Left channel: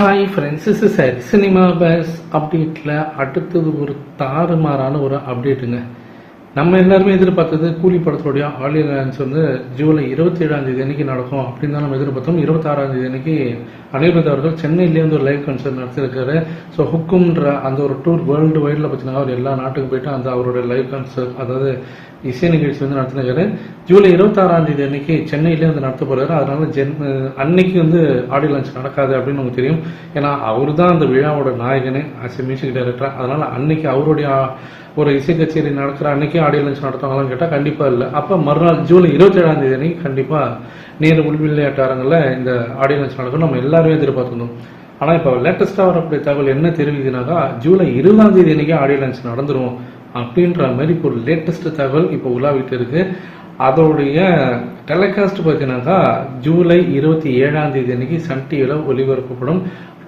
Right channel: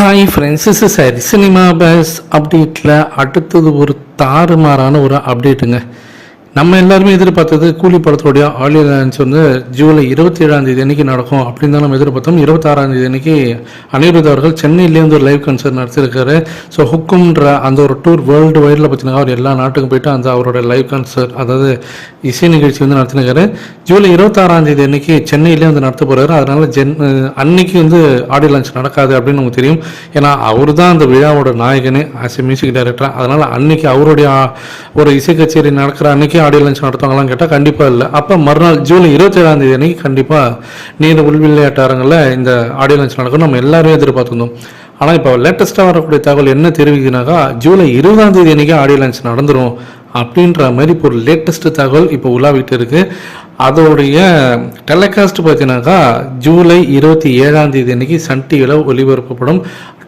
Hi friends, is சரி cinema base அப்டேட்டில் அடுத்தது ஒரு தாறுமாறான ஒரு அப்டேட்டுங்க. நம்ம எல்லாருமே எதிர்பார்த்தது கூலி படத்தோடைய ஆடியோ லான்ச் வந்து ஜூலை 27 அன்றைக்கி நடக்கும் அப்படின்னு தான் நம்ம எதிர்பார்த்தோம். 26 அன்றைக்கி அனிருத் அவர்கள் சென்னையிலேயே வந்து ஒரு லைவ் கன்சர்ட் நடத்திருக்காரு. ஸோ ஹுக்கும்ன்ற அந்த ஒரு டூர் வேர்ல்டு வைடில் பார்த்தீங்கன்னா அவர் எல்லா நாட்டுக்கும் போயிட்டு அந்த அவரோட லைவ் கன்சர்ட், அதாவது இசை நிகழ்ச்சி வந்து நடத்தினாரு. ஜூலை 26 அன்றைக்கி சென்னையிலேயே வந்து நடத்த போகிறாரு. அதனால் அன்னைக்கு வந்து ஆடியோ லான்ச் நடக்காது அப்படின்னு நமக்கு தெரியும். ஏன்னா அவர் தான் அந்த விழாவோட நாயகனே ஆஸ் எ மியூசிக் டைரக்டர். அதனால் அன்னைக்கு அவருடைய ஒரு இசை கச்சேரி நடக்கிற அன்றைக்கி ஆடியோ லான்ச் நடத்துவாங்களான்னு கேட்டால் கண்டிப்பாக இல்லை. அப்போ மறுநாள் ஜூலை 27 அன்றைக்கி கண்டிப்பாக நேரு விளையாட்டு அரங்கில் இந்த ஆடியோ லான்ச் நடக்கும் நம்ம எல்லாருமே எதிர்பார்த்துருந்தோம். ஆனால் இப்போ லேட்டஸ்ட்டாக வரக்கூடிய தகவல் என்ன தெரிவிக்குதுனாக்கா, ஜூலை 20 அன்றைக்கி ஆடியோ லான்ச் நடந்துடும் அப்படின்ற மாதிரி இப்போ ஒரு லேட்டஸ்ட் தகவல் இப்போ உலாவிட்டு இருக்குது. அதோடைய டெலிகாஸ்ட் பார்த்தீங்கன்னாக்கா ஜூலை 27 அன்றைக்கி சன் டிவியில் ஒளிபரப்பப்படும்.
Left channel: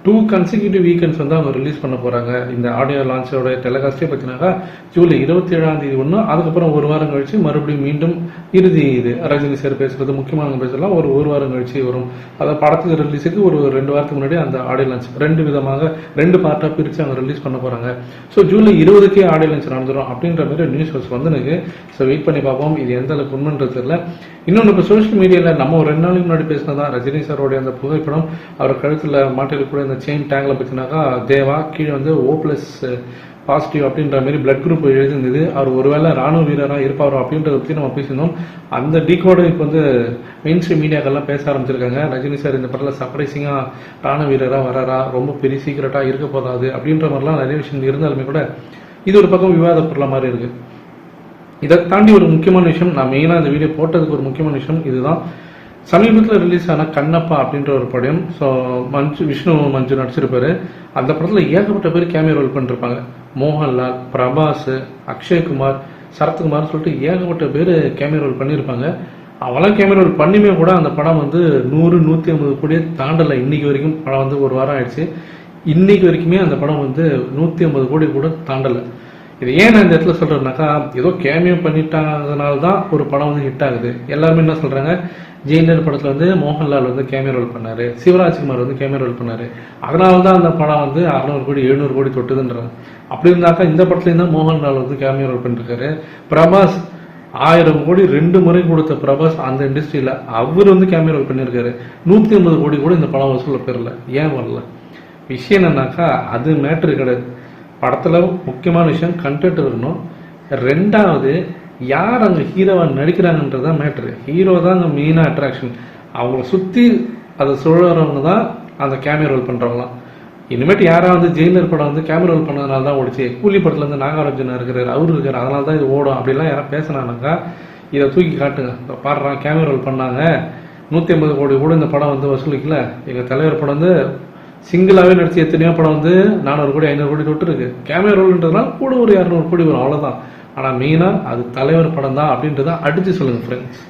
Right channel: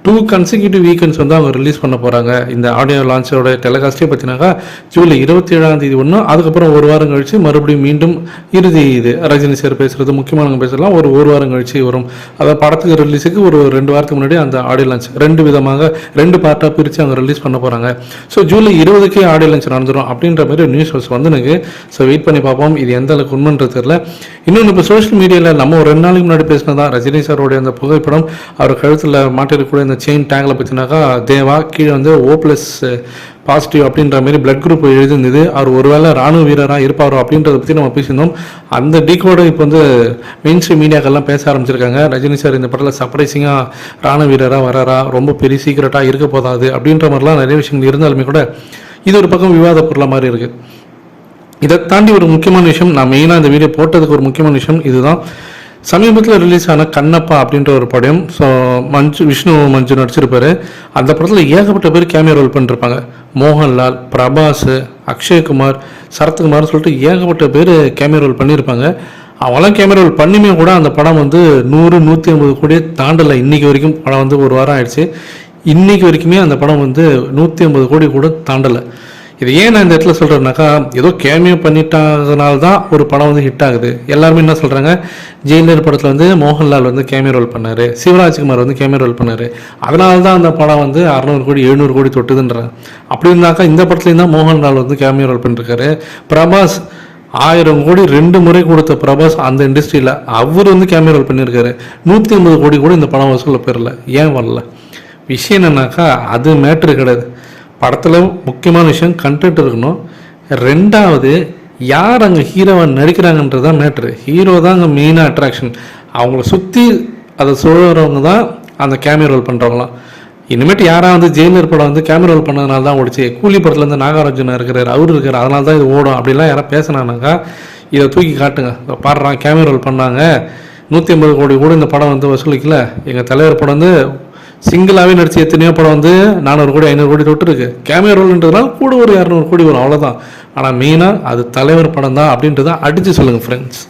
2 consecutive வீக்கெண்ட்ஸ் வந்து அவங்க ரிலீஸ் பண்ண போகிறாங்க. இந்த ஆடியோ லான்ச்சோட டெலிகாஸ்ட்டே பார்த்தீங்கன்னாக்கா ஜூலை 27 ஒன்று, அதுக்கப்புறம் ஒரு வாரம் கழித்து மறுபடியும் மீண்டும் இறுதி இது ரஜினி சார் பேசுகிறது, முக்கியமானவங்க பேசலாம் ஒரு வாரம் கழித்து வரும். அதாவது படத்துக்கு ரிலீஸுக்கு ஒரு 2 வாரத்துக்கு முன்னாடி அந்த ஆடியோ லான்ச் 2 பார்ட்டாக பிரித்து அவங்க ரிலீஸ் பண்ண போகிறாங்க. ஸோ ஜூலை 20 ஆடியோ லான்ச் நடந்துடும் அப்படின்ற மாதிரி நியூஸ் வந்து எனக்கு. ஸோ வெயிட் பண்ணி பார்ப்போம் இது எந்த அளவுக்கு உண்மைன்றது தெரியல. இன்னொன்று, இப்போ சோஷியல் மீடியாவில் நம்ம ஒரு 2 நாளைக்கு முன்னாடி பேசினதான் ரஜினி சாரோடைய அந்த புகைப்படம், அவர் கழுத்தில் மாட்டிருக்கக்கூடிய இந்த செயின் டேங்கில் பார்த்தீங்கன்னாக்கா தேவா கீழே வந்து O++ அப்படின்ற மாதிரி பிளட் குரூப் எழுதிருந்தது. அவர் ஒருவேளை ராணுவ வீரராக இருப்பாரோ அப்படின்றத பற்றி நம்ம பேசியிருந்தோம். அந்த டீகோட இப்போ வந்து மெயின் ஸ்ட்ரீம் மீடியாக்கெல்லாம் பேச ஆரம்பிச்சிருக்காங்க. ரஜினி சார் இந்த படத்தில் சர்ப்ரைசிங்காக ராணுவ வீரராக வராரா, ரொம்ப பெரிய சீக்கிரட்டாக இருக்க போதாது அப்படின்ற மாதிரிலாம் நிறைய விஷயங்கள் இருந்தாலுமே கூட இது ஒரு பக்கம் விவாத பொருளாக மாதிரி இருக்குது. இதை தாண்டி ஒரு முக்கியமான விஷயம், நான் மெயினாக இந்த வீடியோ போட்டதுக்கு ஒரு முக்கியமான விஷயம் இதுதான். சமீபத்தில் ரிலீஸ் ஆன கண்ணப்பா அப்படின்ற ஒரு படம். ஸோ விஷ்ணு மஞ்சு நடிச்சிருப்பாரு. அந்த படத்தில் ஏகப்பட்ட பேர் கேமியோ ரோல் பண்ணிருப்பாங்க. மோகன்லால், பிரபாஸ், அக்ஷய்குமார், சரத்குமார் சொல்லிட்டு ஏகப்பட்ட பேர் கேமியோ ரோல் பண்ணியிருப்பாங்க. அவங்களாம் கேமியோ ரோல் பண்ணியுமே கூட அந்த படம் வந்து 100-150 கோடியே தாண்டலை. இன்றைக்கி வரைக்கும் படம் வந்து ஒரு வாரம் ஆயிடுச்சு. இன்றைக்கி வரைக்குமே அந்த படம் வந்து 150 கோடி கூட தாண்டலை. இது ஏன் நான் இந்த இடத்துல சொல்கிறேன்னாக்கா, ஏதோ கேமியோ பண்ணிட்டாங்கனால தான் ஒரு படம் வந்து ஹிட் ஆகுது. எல்லாருமே என்ன சொல்கிறாங்க, ஜெயிலர் படத்தில் வந்து மோகன்லால் வந்து கேமியோ ரோல் பண்ணார், சிவராஜ்குமார் வந்து கேமியோ ரோல் பண்ணார், அதனால தான் அந்த படம் வந்து 600 கோடி 700 கோடி தொட்டுதுன்றாங்க. அப்படி இருந்தாக்கா இந்த படத்துலேயும் தான் மோகன்லால் வந்து கேமியோ ரோல் பண்ணிருக்காரு. பிரபாஸ் 1000 கோடி 2 முறை கொடுத்த பிரபாஸ் அந்த இண்டஸ்ட்ரியில் அவர் வந்து கேமியோ ரோல் பண்ணியிருக்காரு. 150 கோடி கூட இந்த படம் வசூலில் பெறல. ஏன் வரல? விஷயம் என்னன்னாக்கா, அது மேட்ரு கிடையாது. படத்தில் முக்கியமான விஷயம் கண்டென்ட் இருக்கணும். 2வது, யார் அங்கே ஹீரோவை நடிக்கிறாங்கன்றது தான் மேட்ரு. ஹீரோ தான் அங்கே மெயினாக அட்ராக்ஷன். அவங்கள சுற்றி அதை சொல்கிறவங்க தான் அந்த கேமியோ ரோல் பண்ணுறவங்களாம். இனிமேட்டு யாராவது வந்து ஜெயிலர் படம் வந்து கேமியோ ரோல் பண்ணதுனால தான் ஓடிச்சு, கூலி படத்தில் வந்து நாகார்ஜுனா இருக்கிறார், அவர் இருக்கார், அதனால தான் இது ஓடும் அப்படிலாம் யாராவது பேசினானாக்கா இதை தூக்கி காட்டுங்க. பாடுறான் கேமியோ ரோல் பண்ணாங்க, 150 கோடி கூட இந்த படம் வந்து வசூலிக்கல. எங்கள் தலைவர் படம் வந்து சிங்கிளாகவே நடிச்சு எத்தனையோ படம் வந்து 400 கோடி 500 கோடி தொட்டுருக்கு. கேமியோ ரோல்ன்றதுனால கூட ஒரு 200 கோடி வரும், அவ்வளோதான். ஆனால் மெயினாக அது தலைவர் படம் தான் அப்படின்றத அடித்து சொல்லுங்கள் ஃப்ரெண்ட்ஸ்.